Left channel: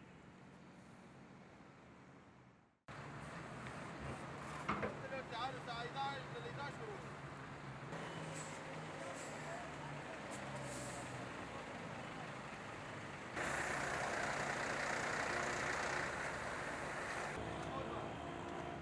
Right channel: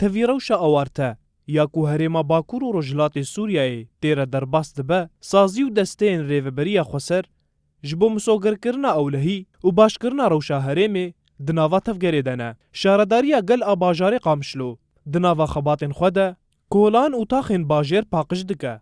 تەڤی ڕەوشە ئەوارتە یاکو هەرێما باکوور و ڕۆژهەڵاتی سووریایê têre derbas dibe sazî û desteyên rêveberiya Xweser ji bo misogerkirina ewlehî û başkirina rewşa herêmê di nava tevgerê de ne. Şaredariya gel a bajarê Qamişlo di nava xebatên xwe de kolan û taxên bajêr paqij dike.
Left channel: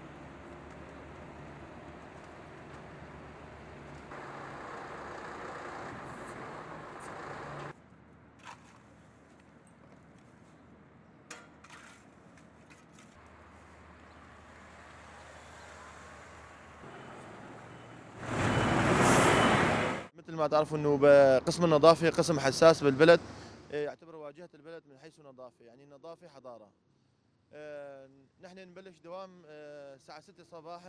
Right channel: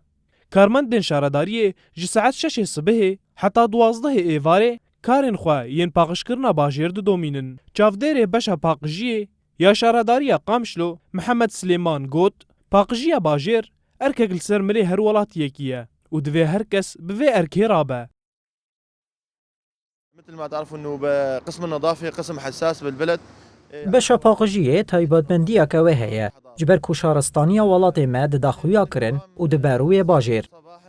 Karmendên şaredariyê ji saet 6 sibihê heta 12 êvarê karên xwe yên paqijkirina bajêr didomînin. Çavdêrê beşa paqijiyê ya şaredariya Qamişlo Mihemed Silêman got paqîjiya bajêr erkek li ser milê her welatiyekî ye û divê her kes bi vê erkê rabe. مثل ما تعرفوا انه بقسم النظافه قسم حساس بالبلد. بەشە پاقژیە تایبەتمەندیەکەوە هەیە جبەر ku şaristaniya welatê me di daxuya kirin û di berûyê bajêr.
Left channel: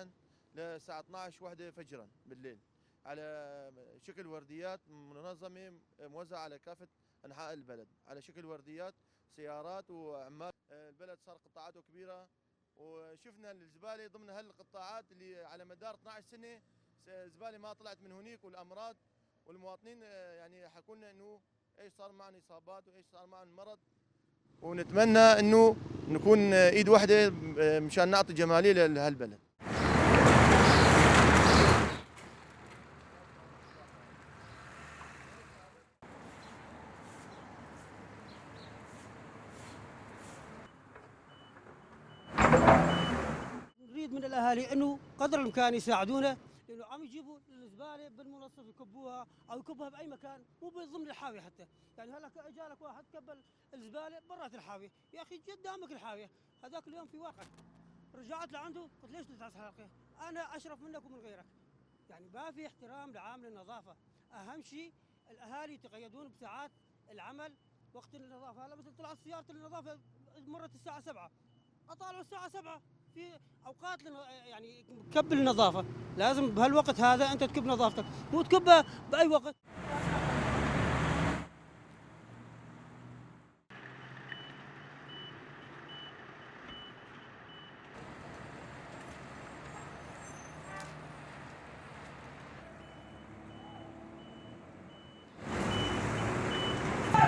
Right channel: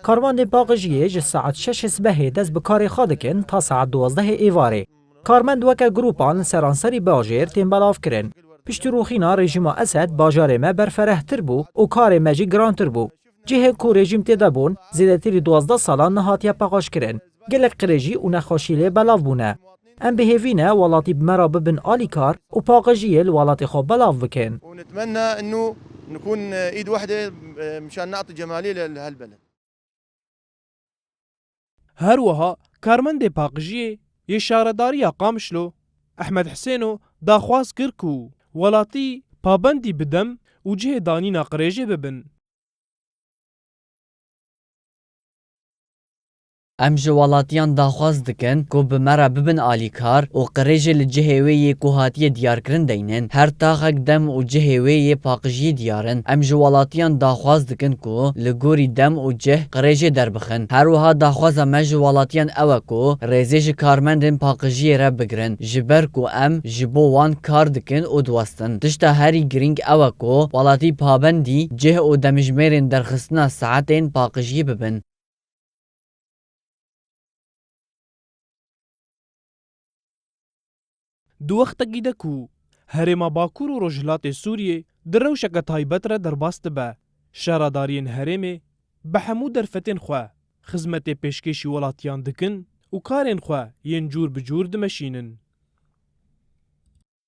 Karmendên paqijiyê ji saet 6 sibehê dest bi karê xwe dikin ta saet 12 êvarê. Karmend weke gropan li seranserî bajêr tên belav kirin. Piştîroxîna rejîma Esed bajarê me berferehtir bû û karê me jî girantir bû. Cihê ku rejîm têde bûn zêdetirî 12 salan nehatiye paqajkirin. Gelek qirêjî û nexweşî lê belav bûne. Em bihêvîne welatî bi me re bibin alîkar û paqijiyê li welatê xwe belav bikin. ونتمنى انه نكون ايد واحده مشان نعطي جماليه لهالبلد. Her wiha karmendê paqijiyê yê şaredariya Qamişlo Ehmed Hisêno daxwaz kir ku welatî pabendî bi dem û cihê danîna qirêjê bibin. نريد من الاهالي انه قدر الامكان يساعدونا. Em ji welatiyan daxwaz dikin ku bi me re bibin alîkar û qirêjê li cihê wê yê ku hatiye diyarkirin deynin her taxek dem û cihê wê yê paqijiyê diyarin. Em ji welatiyan daxwaz dikin ku li gorî dem û cih qirêjê derbixin. Her wiha daxwaza me ji welatiyan ew e ku rêzê ji karmendên paqijiyê re bigirin ji ber ku em ji bo wan kar dikin û diwestin. Tişta herî giring ew e ku welatî pabendî cih û demijmêrên derxistina saetên paqijiyê bibin. كب النظافه لازم بهالوقت هذا انت تكب نظافتك مو تكبها باي وقت. Di wextekî de ku herêma Bakur û Rojhilatê Sûriyê di rewşeke taybet re derbas dibe. Şaredariyên herêmê bi hemû derfetên xwe xizmetê pêşkêşî welatiyan dikin û karên xwe yên cûr bi cûr dimeşînin.